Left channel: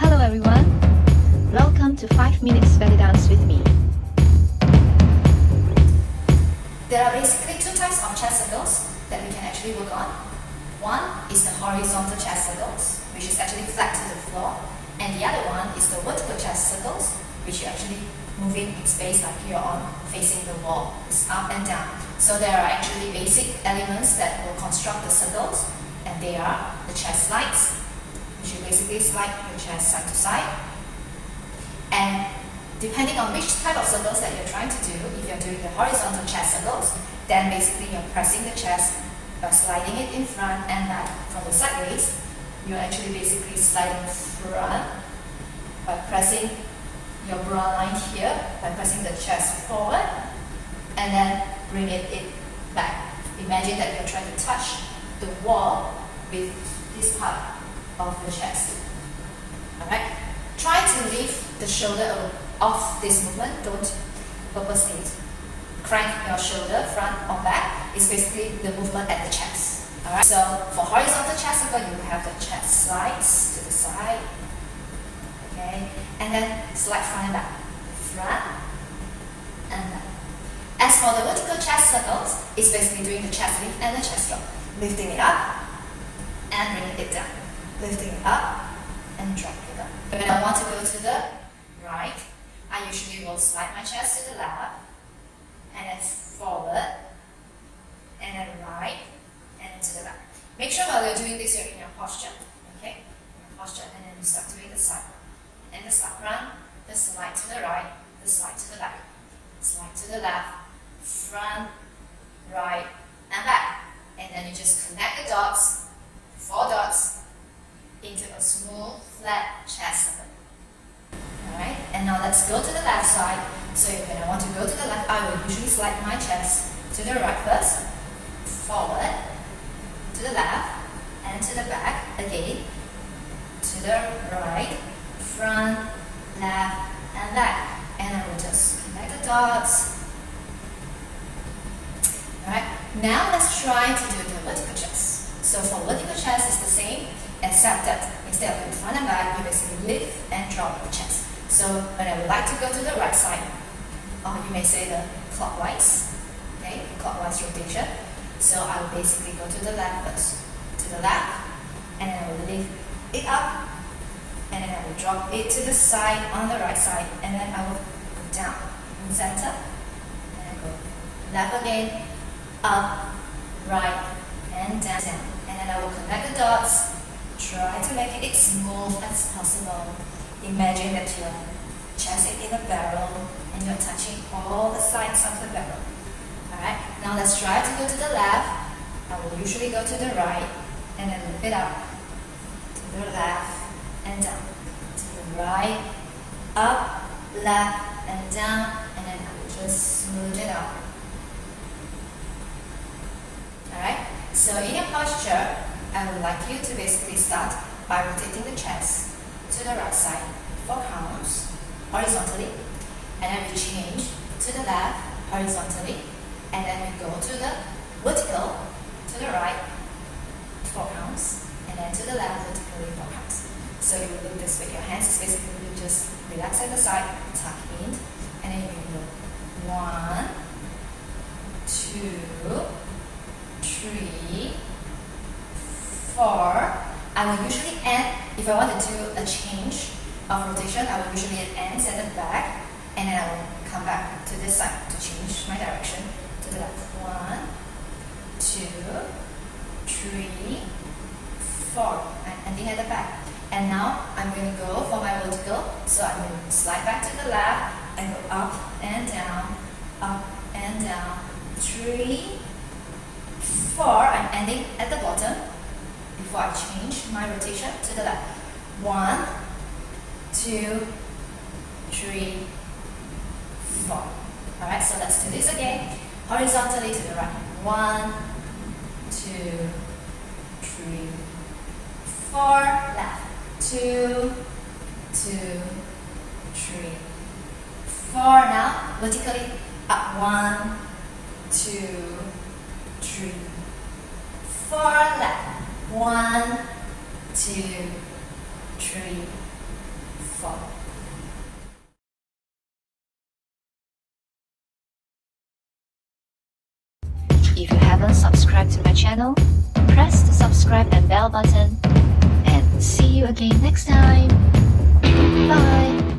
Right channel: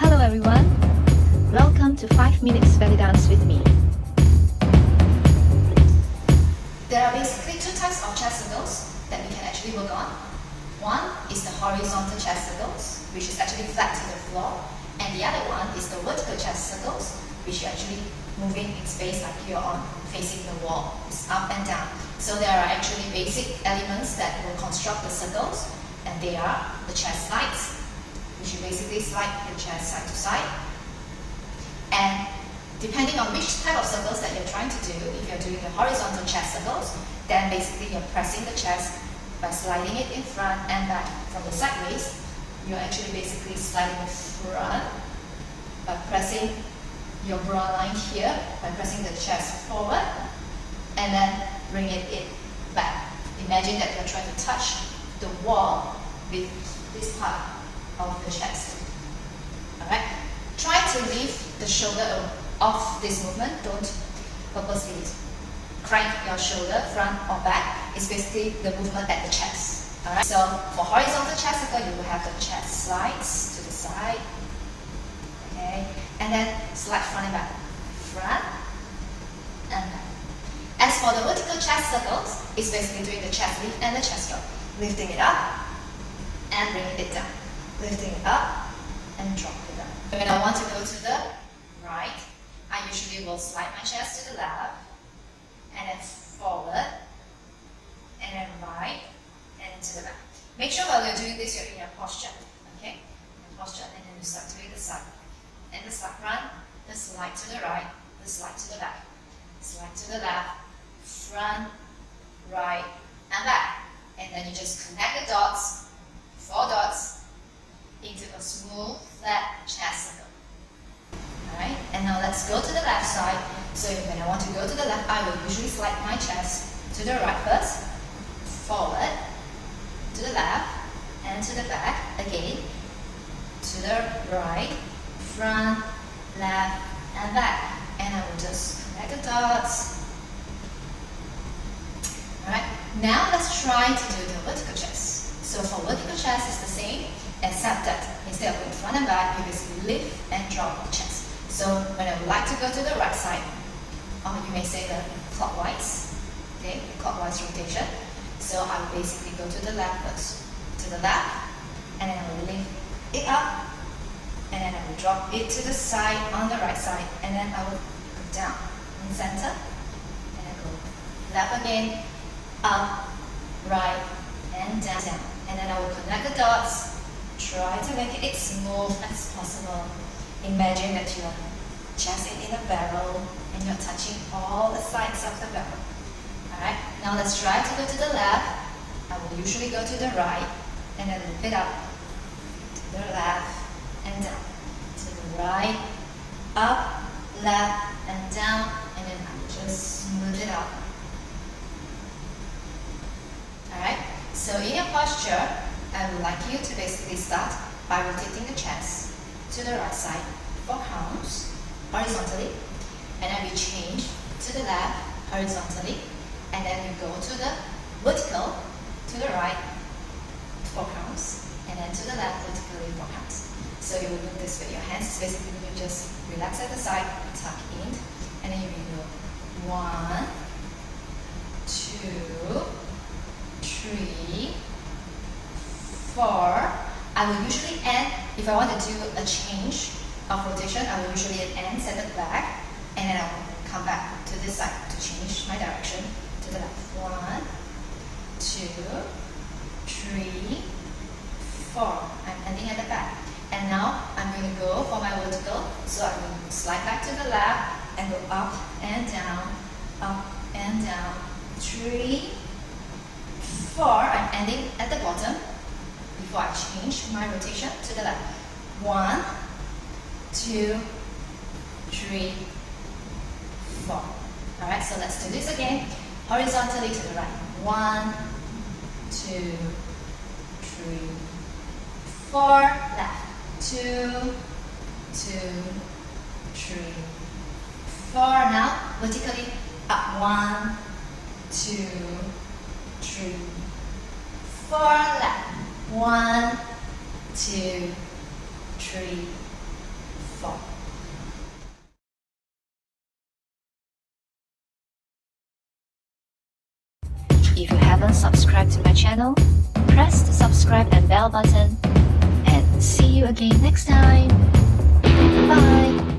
Hello everyone, welcome to 5 minutes belly dance with me. There are basically two types of chest circles that we can actually work on. One is the horizontal chest circles, which is actually flat to the floor, and the other one is the vertical chest circles, which are actually moving in space like you're on facing the wall. It's up and down. So there are actually basic elements that will construct the circles, and they are the chest slides, which you basically slide your chest side to side. And depending on which type of circles that you're trying to do, if you're doing the horizontal chest circles, then basically you're pressing the chest by sliding it in front and back. From the sideways, you're actually basically sliding front by pressing your bra line here, by pressing the chest forward, and then bring it in back. Imagine that you're trying to touch the wall with this part of the chest. Alright? Try to leave the shoulder off this movement. Don't purposely crank your shoulder front or back. It's basically the movement at the chest. Alright? So for horizontal chest circle, you will have the chest slides to the side. Okay? And then slide front and back. Front and back. As for the vertical chest circles, it's basically doing the chest lift and the chest drop. Lifting it up and bringing it down. Lifting it up and drop it down. When I want to go to the right, I usually will slide my chest to the left and then forward and then right and then to the back. Make sure while you're doing this, you're in a posture. Okay? In a posture, and then you start doing the side. And the side run, the slide to the right, the slide to the back, slide to the left, front, right, and back. And then you just connect the dots, 4 dots, into a smooth, flat chest circle. Alright, and now let's go to the left side. So when I want to go to the left, I will usually slide my chest to the right first, forward, to the left, and to the back, again, to the right, front, left, and back. And I will just connect the dots. Alright, now let's try to do the vertical chest. So for vertical chest, it's the same, except that instead of going front and back, you basically lift and drop the chest. So when I would like to go to the right side, or you may say the clockwise, okay, the clockwise rotation. So I will basically go to the left first, to the left, and then I will lift it up, and then I will drop it to the side on the right side, and then I will go down in center, and I go left again, up, right, and down, and then I will connect the dots. Try to make it smooth as possible. Imagine that you're just in a barrel and you're touching all the sides of the barrel. Alright, now let's try to go to the left. I will usually go to the right and then lift it up. To the left and down. To the right, up, left, and down, and then I will just smooth it out. Alright, so in your posture, I would like you to basically start by rotating the chest to the right side 4 counts horizontally, and then we change to the left horizontally, and then we go to the vertical to the right 4 counts, and then to the left vertically 4 counts. So you will do this with your hands. It's basically you just relax at the side, tuck in, and then you can go 1, 2, 3, 4. I will usually end, if I want to do a change of rotation, I will usually end at the back, and then I will come back to this side to change my direction to the left. 1, 2, 3, 4. I'm ending at the back. And now I'm going to go for my vertical, so I'm going to slide back to the left and go up and down, 3, 4. I'm ending at the bottom before I change my rotation to the left. 1, 2, 3, 4. Alright, so let's do this again. Horizontally to the right. 1, 2, 3, 4. Left. 2, 2, 3, 4. Now vertically up. 1, 2, 3, 4. Left. 1, 2, 3, floor. If you haven't subscribed to my channel, press the subscribe and bell button. And see you again next time. Bye!